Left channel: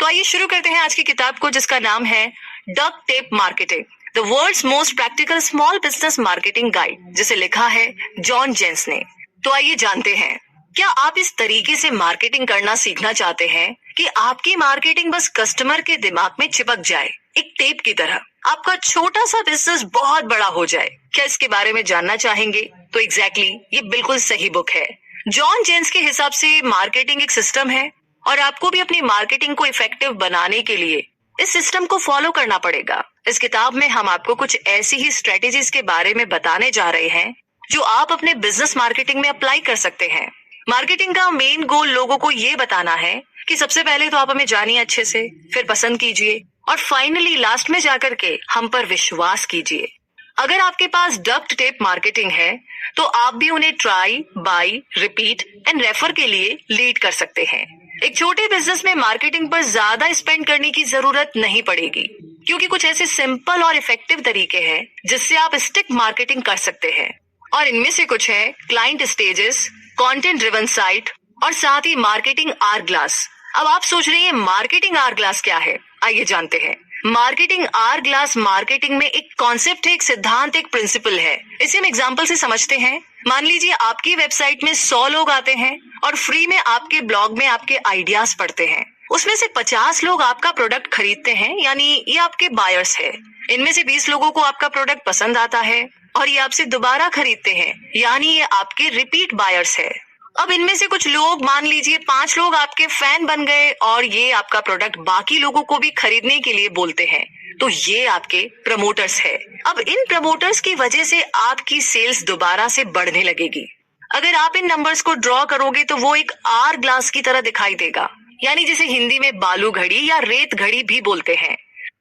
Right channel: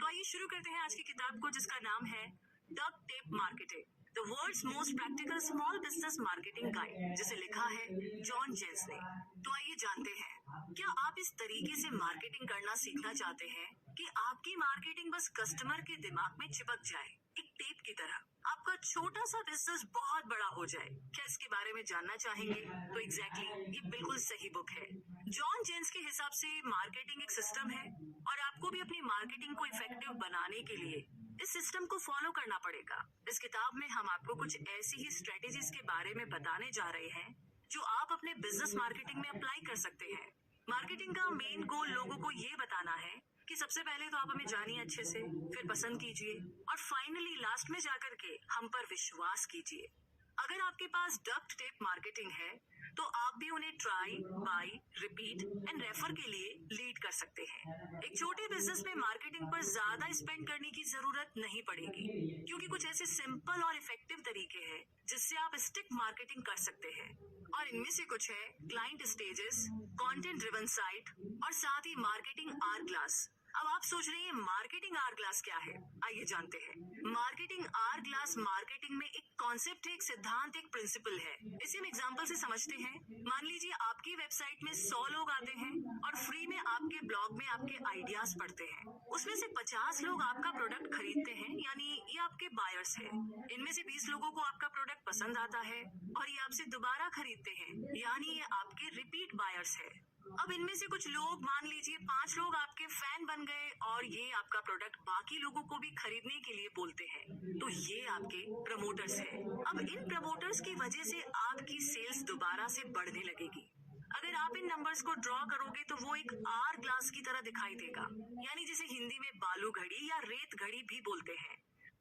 तो आइए शुरू करते हैं आज की किताब को, जिसका नाम है duct tape marketing, the world's most practical small business marketing guide, जिसे लिखा है जॉन जेन्स ने। तो आइए जानते हैं, क्या आप इस तरीके से मार्केटिंग करना सीखना चाहते हैं कि आपकी मार्केटिंग बस कस्टमर के दिमाग में चिपक जाए, एक टेप की तरह आपका छोटा सा बिजनेस बहुत बड़ा हो जाए? क्या इसके बारे में जानना चाहेंगे? तो एग्जैक्टली ये बिल्कुल सही बुक है। जॉन जेन्स के हिसाब से मार्केटिंग एक सिस्टम है और आपको भी अपनी मार्केटिंग को इफेक्टिव बनाने के लिए इस सिस्टम को फॉलो करना पड़ेगा। इस किताब में हम आपको कुछ ऐसी ही स्ट्रेटेजीज के बारे में बताने जा रहे हैं जो आप अपने बिजनेस मार्केटिंग में अप्लाई कर सकते हैं। मार्केटिंग का मेन गोल लोगों को ये बताना है कि सबसे पहले तो आप हमें जानिए अच्छे से, फिर पसंद कीजिए और फाइनली लास्ट में जाकर के हम पर विश्वास कीजिए। अगर आपके पास डक्ट टेप मार्केटिंग है तो आप भी उन्हें try, by, repeat and refer के लिए लीड कर सकते हैं। एक छोटे बिजनेस में मार्केटिंग पर ज्यादा स्पेंड करने की जरूरत नहीं पड़ेगी, क्योंकि कुछ ऐसे सिंपल और इफेक्टिव तरीके हैं जिससे आप स्टिक मार्केटिंग कर सकते हैं। और इनमें से कुछ है client stages, content driven site और साथ ही मार्केटिंग आवर ग्लास। अब आप सोच रहे हैं मार्केटिंग आवर ग्लास क्या है? आइए जानते हैं। मार्केटिंग आवर ग्लास मार्केटिंग में एक कॉन्सेप्ट है, एक सिद्धांत, एक प्रिंसिपल है। इसे हम एग्जांपल से समझते हैं। मान लीजिए आपकी वेबसाइट में 100 लोग आते हैं और फ्री में आपके ब्लॉग में आपके आइडियाज पढ़ते हैं। उसमें से 50 लोग आपका प्रोडक्ट खरीदते हैं, यानी ये आपके बायर्स है। इनमें से 20 लोगों को आपका प्रोडक्ट पसंद आता है और ये आपसे दोबारा खरीदते हैं, यानी ये आपके रिपीट बायर्स है। अब इनमें से कुछ लोग, मान लीजिए 5 लोग आपके फैन बन गए और ये आपका प्रोडक्ट बाकी लोगों को भी खरीदने के लिए बोलते हैं, तो ये आपके प्रमोटर्स है। अब इन प्रमोटर्स की वजह से आपकी सेल्स दोबारा से बढ़ने लगेगी। अगर आप इन नंबर्स को ड्रॉ करोगे तो वो एक आवर ग्लास की तरह दिखाई देगा, यानी जिसे हिंदी में बालू घड़ी या रेत घड़ी भी बोलते हैं,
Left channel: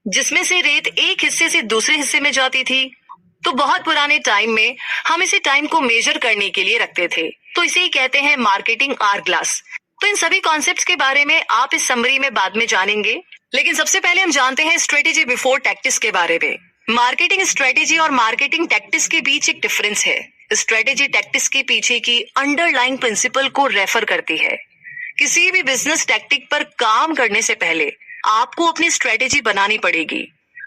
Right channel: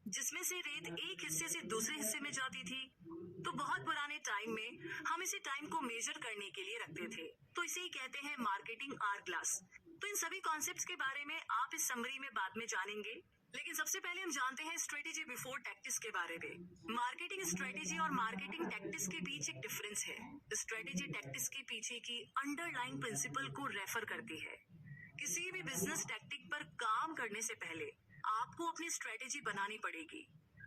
जिसमें से रेत एक हिस्से से दूसरे हिस्से में जाती थी। तो बहुत पुराने टाइम में हम इसे टाइम को मेजर करने के लिए रखते थे, तो इसे ही कहते हैं मार्केटिंग आवर ग्लास। तो इन सभी कॉन्सेप्ट्स के बारे में आप इस समरी में बाद में जानेंगे, लेकिन सबसे पहले हम जानते हैं स्ट्रेटेजी बिफोर टैक्टिस के बारे में। मार्केटिंग स्ट्रेटेजी और मार्केटिंग टैक्टिस के बीच एक डिफरेंस है। स्ट्रेटेजी टैक्टिस के पीछे की अंडरलाइंग प्रिंसिपल को रेफर करती है। किसी भी बिजनेस टैक्टिक पर काम करने से पहले आपको अपनी स्ट्रेटेजी बनानी पड़ेगी।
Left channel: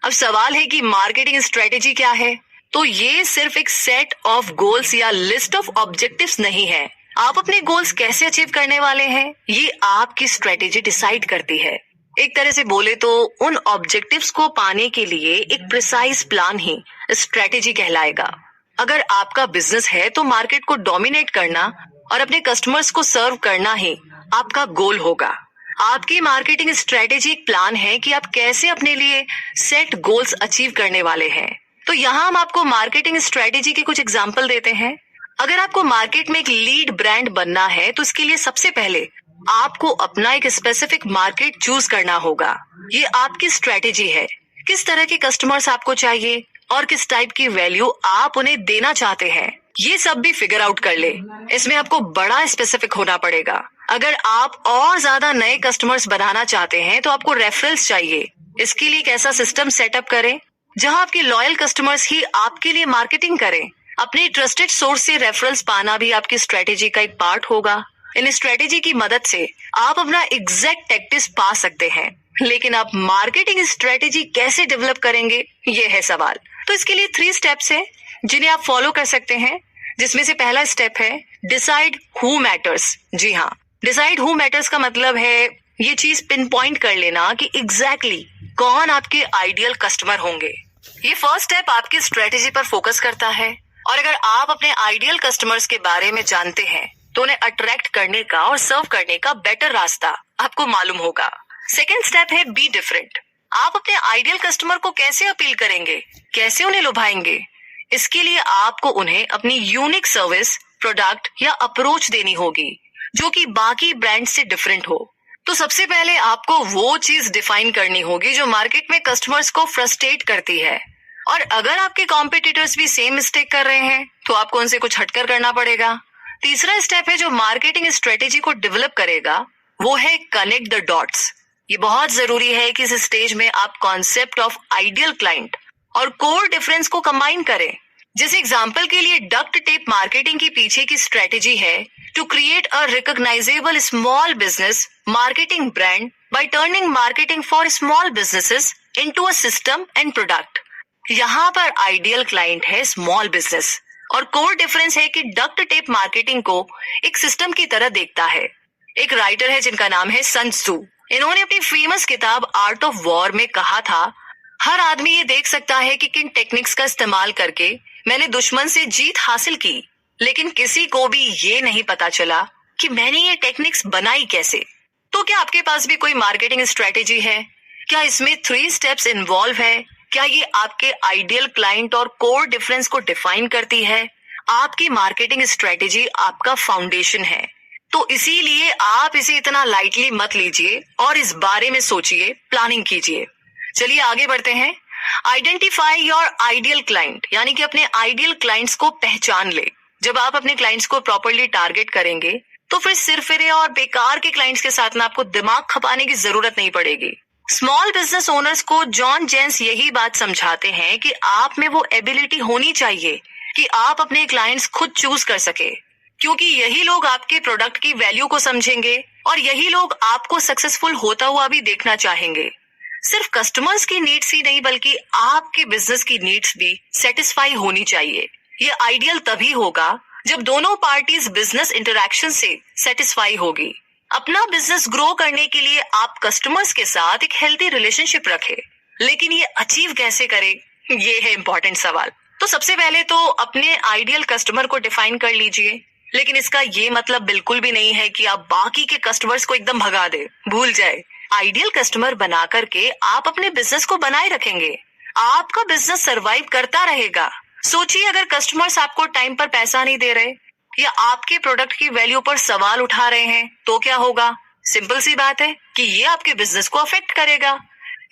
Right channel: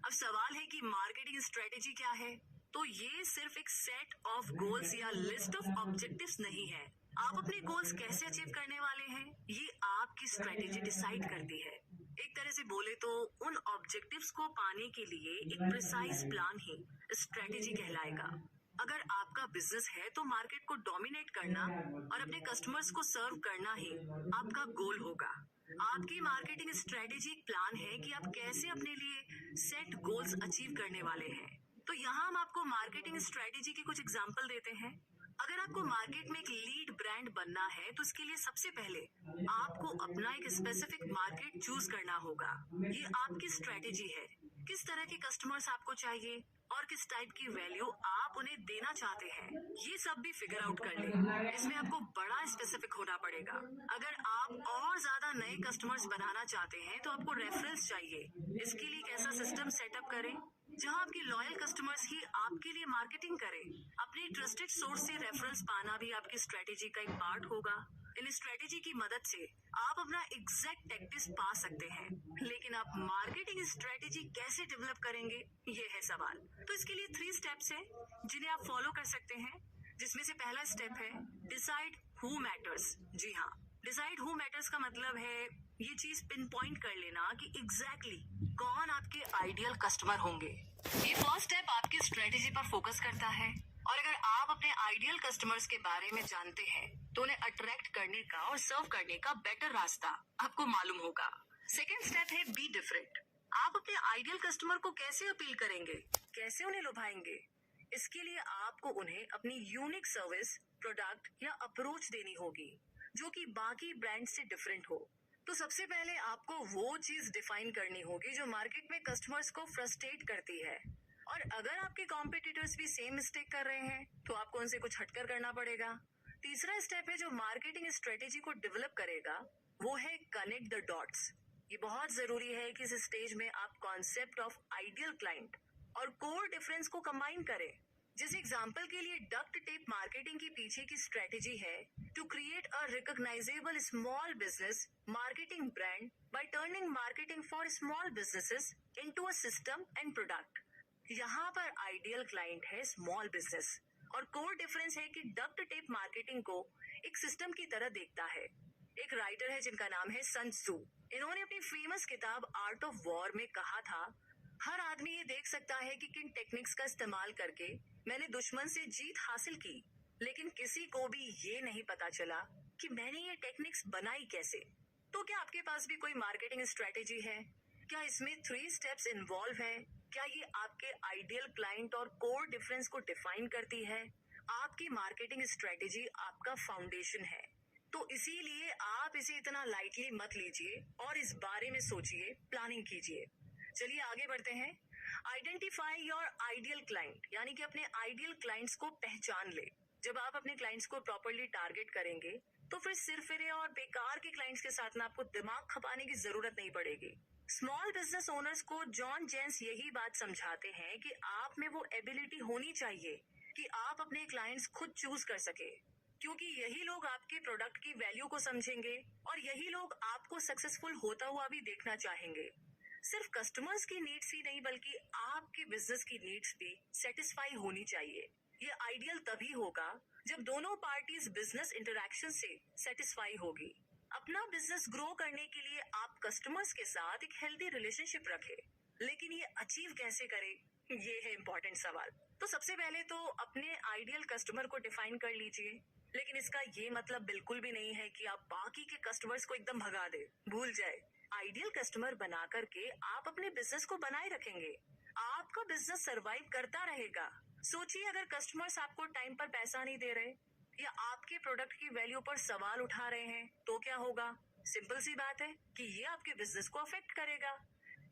अब सवाल है कि मार्केटिंग स्ट्रेटेजी क्या है? तो ये सिर्फ एक सेट ऑफ गोल्स या लिस्ट ऑफ ऑब्जेक्टिव्स नहीं है। आप अपने गोल्स कैसे अचीव करने वाले हैं, ये आपकी स्ट्रेटेजी डिसाइड करती है। एक तरह से बोले तो उन ऑब्जेक्टिव्स को पाने के लिए एक प्रिसाइज प्लान ही स्ट्रेटेजी कहलाएगा। अगर आपका बिजनेस है तो मार्केट को डोमिनेट करना और अपने कस्टमर्स को सर्व करना ही आपका गोल होगा। आपकी मार्केटिंग स्ट्रेटेजी एक प्लान है कि आप कैसे अपने लिए सेट गोल्स अचीव करने वाले हैं। तो यहाँ हम आपको मार्केटिंग स्ट्रेटेजी के कुछ एग्जाम्पल देते हैं। अगर आपको मार्केट में एक लीड ब्रांड बनना है तो इसके लिए सबसे पहले आपको अपना एक स्पेसिफिक मार्केट चूज करना होगा। ये आपकी स्ट्रेटेजी है। किस तरह के कस्टमर्स आपको चाहिए और किस टाइप की वैल्यू आप उन्हें देना चाहते हैं, ये सब भी फिगर आउट कर ले। इसमें आपको बड़ा स्पेसिफिक होना पड़ेगा। अगर आप और ज्यादा नए कस्टमर्स बनाना चाहते हैं तो आपको रेफरल्स चाहिए। इसके लिए एक ऐसा सिस्टम सेटअप करें जहां आपके लॉयल कस्टमर्स ही आपके लिए मार्केटिंग करें। अपने ट्रस्टेड सोर्स से रेफरल्स पाना भी आपकी स्ट्रेटेजी का एक पार्ट होगा। इन स्ट्रेटेजी की मदद से आप अपना एग्जैक्ट टैक्टिस पा सकते हैं, लेकिन आप मार्केटिंग स्ट्रेटेजी कैसे डेवलप करेंगे, ये है सवाल। तो इसके लिए 3 स्टेप्स हैं जिन्हें आप फॉलो कर सकते हैं, जिसमें से पहला स्टेप है डिसाइड हु मैटर्स। जी हाँ, डिसाइड हु मैटर्स का मतलब है ये चीज पिन पॉइंट कर लेना कि एग्जैक्टली कौन आपके आइडियल कस्टमर होंगे। ये फर्स्ट स्टेप आपकी स्ट्रेटेजी पर फोकस करता है, और अगर आप अपने आइडियल कस्टमर्स के बारे में जानते हैं तो उन्हें अट्रैक्ट करने का और सर्व करने का बेटर रास्ता आपको मालूम होगा। सेकेंड स्टेप है बी डिफरेंट। आप अपने आइडियल कस्टमर को कैसे अपील करेंगे, कैसे उन्हें लुभाएंगे? इसके लिए आपको उन्हें अपनी यूनिक सर्विस, प्रोडक्ट या अप्रोच देनी होगी जो कि बाकी ब्रांड से डिफरेंट हो। तो सबसे पहले आपको वो चीज डिफाइन करनी होगी जो मार्केट में कस्टमर्स को फ्रस्ट्रेट करती है, और अगर आपके कॉम्पिटिटर्स भी सेम मिस्टेक कर रहे हैं तो आपको उनसे कुछ हटकर करना पड़ेगा। तीसरा स्टेप है जो मार्केटिंग स्ट्रेटेजी को डेवलप करेगा, वो है कनेक्ट द डॉट्स। ये बहुत जरूरी है कि इस स्टेज में आप कॉन्सेप्ट ऑफ आइडियल क्लाइंट और कोर डिफरेंस को कंबाइन करें। जैसे एग्जाम्पल के लिए डक्ट टेप मार्केटिंग के पीछे की स्ट्रेटेजी है to create a recognisable small business marketing brand by turning marketing for small businesses into a system and product. यहाँ पर आइडियल क्लाइंट है स्मॉल बिजनेस और कोर डिफरेंस है कि डक्ट टेप मार्केटिंग को एक सिस्टम की तरह देखता है। एक राइटर है जिनका नाम है सन त्सू। इन्होंने अपनी फेमस किताब आर्ट ऑफ वॉर में कहा था, हर आदमी ये देख सकता है कि किन टेक्निक्स का इस्तेमाल करके मैंने दुश्मन से जीत हासिल की, लेकिन किसी को भी ये नहीं पता चला कि मैंने ये टेक्निक्स बनाई कैसे। तो क्या आपके पास भी कोई मार्केटिंग स्ट्रेटेजी है? क्या इसमें 3 स्टेप्स इन्वॉल्व है? क्या ये आपके आइडियल क्लाइंट और कोर डिफरेंस को डिफाइन करती है? आपकी मार्केटिंग स्ट्रेटेजी आपका फाउंडेशन है, तो इसीलिए आप इसे इतना लाइटली मत लीजिए और इस बारे में सोचिए, प्लानिंग कीजिए। चलिए आगे बढ़ते हैं। आइडेंटिफाई योर आइडियल क्लाइंट, यानी कि अपने आइडियल क्लाइंट्स को पहचान ले। जब आप अपने क्लाइंट्स को प्रॉपर्ली टारगेट करेंगे तो फिर सिरफिरे और बेकार के क्लाइंट्स के साथ में आपको दिमाग खपाने की जरूरत नहीं पड़ेगी। स्मॉल बिजनेस ओनर्स को जॉन जेन्स यही बात समझाते हैं कि आप में वो एबिलिटी होनी चाहिए कि आप अपने क्लाइंट्स खुद चूज कर सके, क्योंकि यही लोग आपके प्रोडक्ट की वैल्यू को समझेंगे और यही लोग आपको सक्सेसफुल होता हुआ भी देखना चाहेंगे। सिर्फ कस्टमर्स की नीड्स ही नहीं बल्कि आपके बिजनेस की नीड्स भी सेटिस्फाई होनी चाहिए। ये आइडियल तभी होगा जब दोनों पार्टीज बिजनेस इंटरैक्शन से सेटिस्फाई होगी। अपना बिजनेस ग्रो करने के लिए आप कस्टमर्स के साथ एक हेल्दी रिलेशनशिप रखें, लेकिन ये अचीव कैसे करें, ये है इम्पोर्टेंट सवाल। तो सबसे पहले तो अपने आइडियल कस्टमर को डिफाइन कर लीजिए, लेकिन इसका ये मतलब बिल्कुल भी नहीं है कि आप बाकी के कस्टमर्स को एकदम भगा दे, भूल जाए। आइडियल कस्टमर बना करके आप अपने बिजनेस को बनाए रखेंगे, आपका बिजनेस सरवाइव करता रहेगा। सोचिए, अगर कस्टमर्स आपको टाइम पर पैसा नहीं दे रहे या आपके प्रोडक्ट की वैल्यू पर सवाल उठा रहे हैं तो क्या होगा? सिंपल सी बात है कि ये आपके बिजनेस को अफेक्ट करेगा।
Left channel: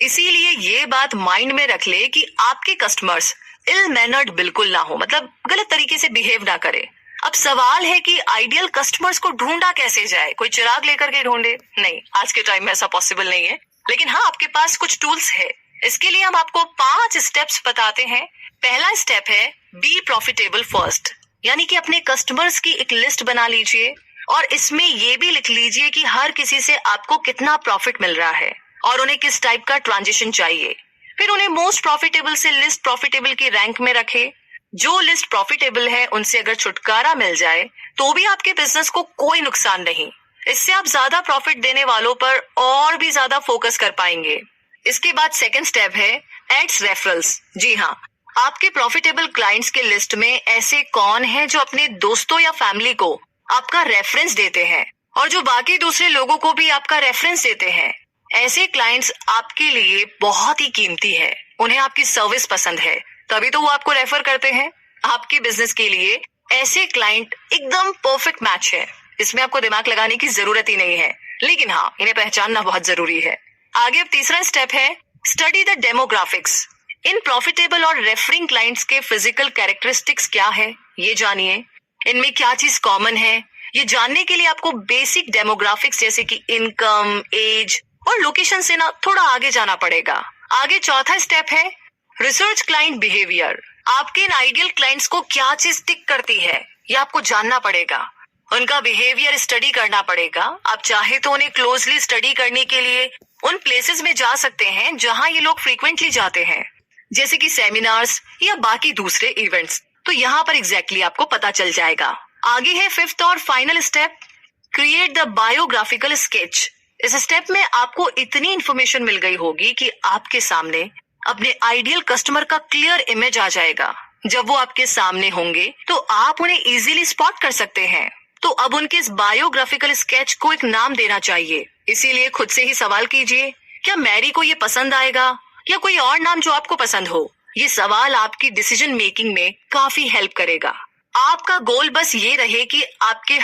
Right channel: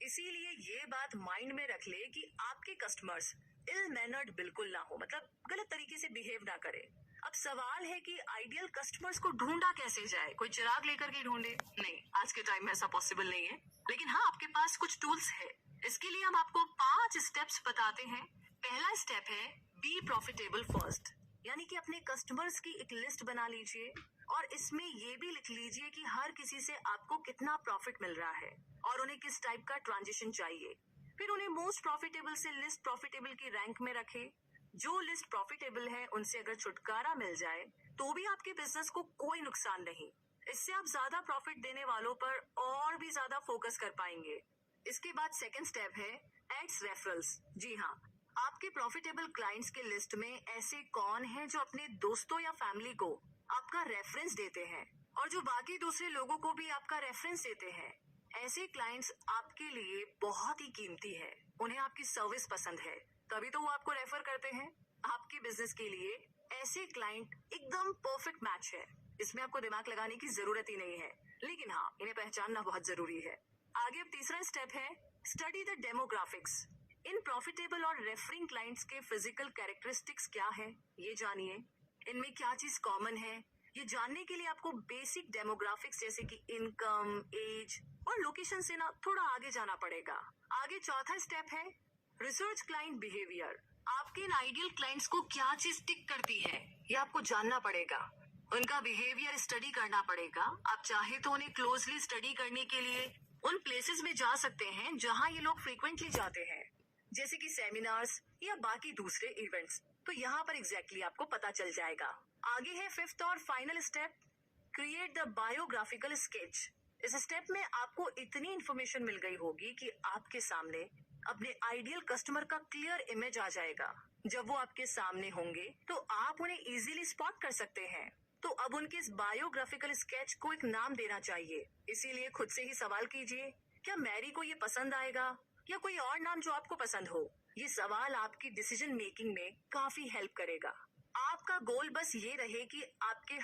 इसीलिए ये बात माइंड में रख ले कि आपके कस्टमर्स इल मैनर्ड बिल्कुल ना हो, मतलब गलत तरीके से बिहेव ना करे। अब सवाल है कि आइडियल कस्टमर्स को ढूंढा कैसे जाए? कोई चिराग लेकर के ढूंढे? नहीं, आज के टाइम में ऐसा पॉसिबल नहीं है, लेकिन हाँ, आपके पास कुछ टूल्स है। इसके लिए हम आपको 5 स्टेप्स बताते हैं। पहला स्टेप है बी प्रॉफिटेबल फर्स्ट, यानी कि अपने कस्टमर्स की एक लिस्ट बना लीजिए और इसमें ये भी लिख लीजिए कि हर किसी से आपको कितना प्रॉफिट मिल रहा है और उन्हें किस टाइप का ट्रांजिशन चाहिए। फिर उन्हें मोस्ट प्रॉफिटेबल से लिस्ट प्रॉफिटेबल की रैंक में रखे। जो लिस्ट प्रॉफिटेबल है उनसे अगर छुटकारा मिल जाए तो भी आपके बिजनेस को कोई नुकसान नहीं। इससे आप ज्यादा प्रॉफिट देने वालों पर और भी ज्यादा फोकस कर पाएंगे। इसके बाद सेकंड स्टेप है एड्स रेफरल्स। जी हाँ, आपके प्रॉफिटेबल क्लाइंट्स के लिस्ट में ऐसे कौन है जो अपने दोस्तों या फैमिली को आपका रेफरेंस देते हैं और जो बाकी दूसरे लोगों को भी आपका रेफरेंस देते हैं। ऐसे क्लाइंट्स आपके लिए बहुत ही कीमती है, उन्हें आपकी सर्विस पसंद है, तभी तो वो आपको रेफर करते हैं। आपके बिजनेस के लिए ऐसे क्लाइंट एकदम परफेक्ट मैच है, इसमें आपको दिमाग लगाने की जरूरत ही नहीं है, लेकिन हाँ, इन्हें पहचानना बहुत जरूरी है। आगे अब तीसरा स्टेप है study the demographics. In profitable और रेफरिंग क्लाइंट्स के फिजिकल कैरेक्टरिस्टिक्स क्या है, ये जानिए। इनमें क्या चीज कॉमन है, ये जानने के लिए आपको बेसिक डेमोग्राफिक्स जैसे कि इनकम, एज और लोकेशन से ना थोड़ा आगे जाना पड़ेगा। आगे चौथा स्टेप है रिसर्च क्लाइंट बिहेवियर। आपके इन आइडियल क्लाइंट्स को क्या चीज टिक करती है, ये आपको जानना पड़ेगा। उनका बिहेवियर स्टडी करना पड़ेगा। आप चाहे तो उन्हें क्लोजली स्टडी करने के लिए उन प्लेसेस में जा सकते हैं जहां ये लोग फ्रीक्वेंटली जाते हैं, जैसे कि सेमिनार्स या बाकी दूसरे इवेंट्स। तो यहाँ पर एग्जैक्टली आपको पता चल जाएगा। आगे है फिफ्थ और final step create the biographical sketch. इस स्टेप में आपको इतनी इंफॉर्मेशन मिल गई होगी कि आपके सामने अपने आइडियल कस्टमर का क्लियर इमेज आ जाएगा। जब वो आपके सामने होंगे तो आप उन्हें इजीली स्पॉट कर सकते हैं। तो अब उनके इस बायोग्राफिकल स्केच को एक नाम देना चाहिए। इसीलिए खुद से ही सवाल कीजिए, क्या मैरी को ये पसंद आएगा या कोई और नाम जो आपको पसंद हो? ये सवाल आपकी डिसीजन मेकिंग में काफी हेल्प करेगा। आपका गोल बस ये रहे कि आपके